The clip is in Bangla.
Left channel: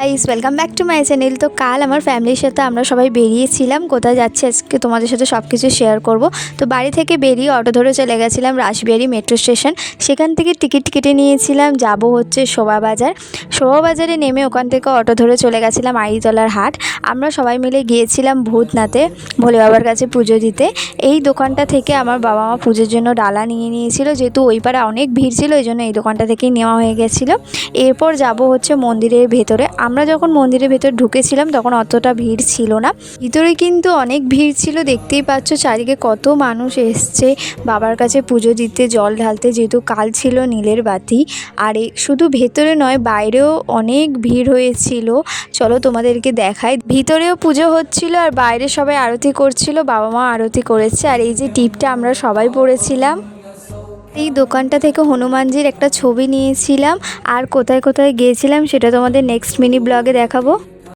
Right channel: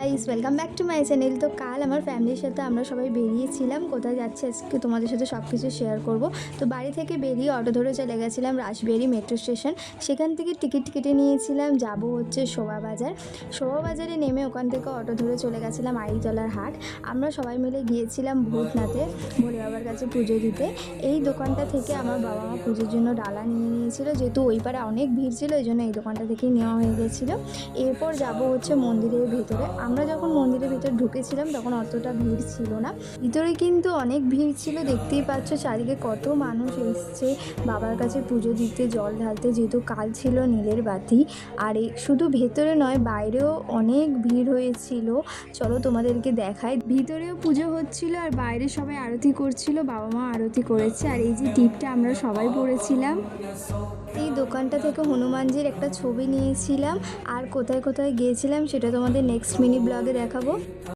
Guys welcome back to my channel. তো কাল আমার ফ্যামিলির সাথে আমরা সবাই বেরিয়েছিলাম। কোথায় যাচ্ছি আজকে তোমাদের সাথে সব কিছু শেয়ার করব। তো বাড়ি থেকে বেরিয়ে অটো ধরে চলে গেছিলাম রাসবিহারী মেট্রো স্টেশন। সেখান থেকে টিকিট কেটে নিয়েছিলাম, যাব হচ্ছে শোভাবাজার। শোভাবাজারে নেমে ওখান থেকে অটো ধরে চলে গেছিলাম আড়িতলার হাট। আমরা সবাই মিলে গিয়েছিলাম ভূতনাথে ভোলে বাবার কাছে পুজো দিতে। এই দোকানটা থেকে আমার বাবা মা পুজোর জন্য ডালা নিয়ে নিয়েছিল, যেহেতু ওই পারে অনেক ভিড় ছিল, এই জন্য এই দোকানটা থেকেই নেওয়া হয়ে গেছিলো। এরপর যাব হচ্ছে মন্দিরের ভেতরে। আমরা যখন মন্দিরের ভেতর ঢুকেছিলাম তখন অতটা ভিড় ছিল না, ভিতরে কিন্তু অনেক ভিড় ছিল। দেখতেই পাচ্ছ চারিদিকে কত মানুষ এসছে বাবার কাছে পুজো দিতে, জল ঢালতে, যেহেতু কাল ছিল নীলের বাতি। আর শুধু ভেতরে নয়, বাইরেও অনেক ভিড় হয়েছিল। চলো তোমাদেরকে দেখাই। ভিতরেও পুজো হচ্ছিল আর বাইরে সবাই আরতি করছিল, বাবা মা আরতি করেছে। আর এই যে টিপটা আমরা সবাই পড়েছিলাম। এই দোকানটা থেকে হনুমানজির একটা ছবি নিয়েছিলাম। আর কোথায় কোথায় গিয়েছিলাম সেটা তোমাদের নেক্সট মিনি ব্লগে দেখাবো।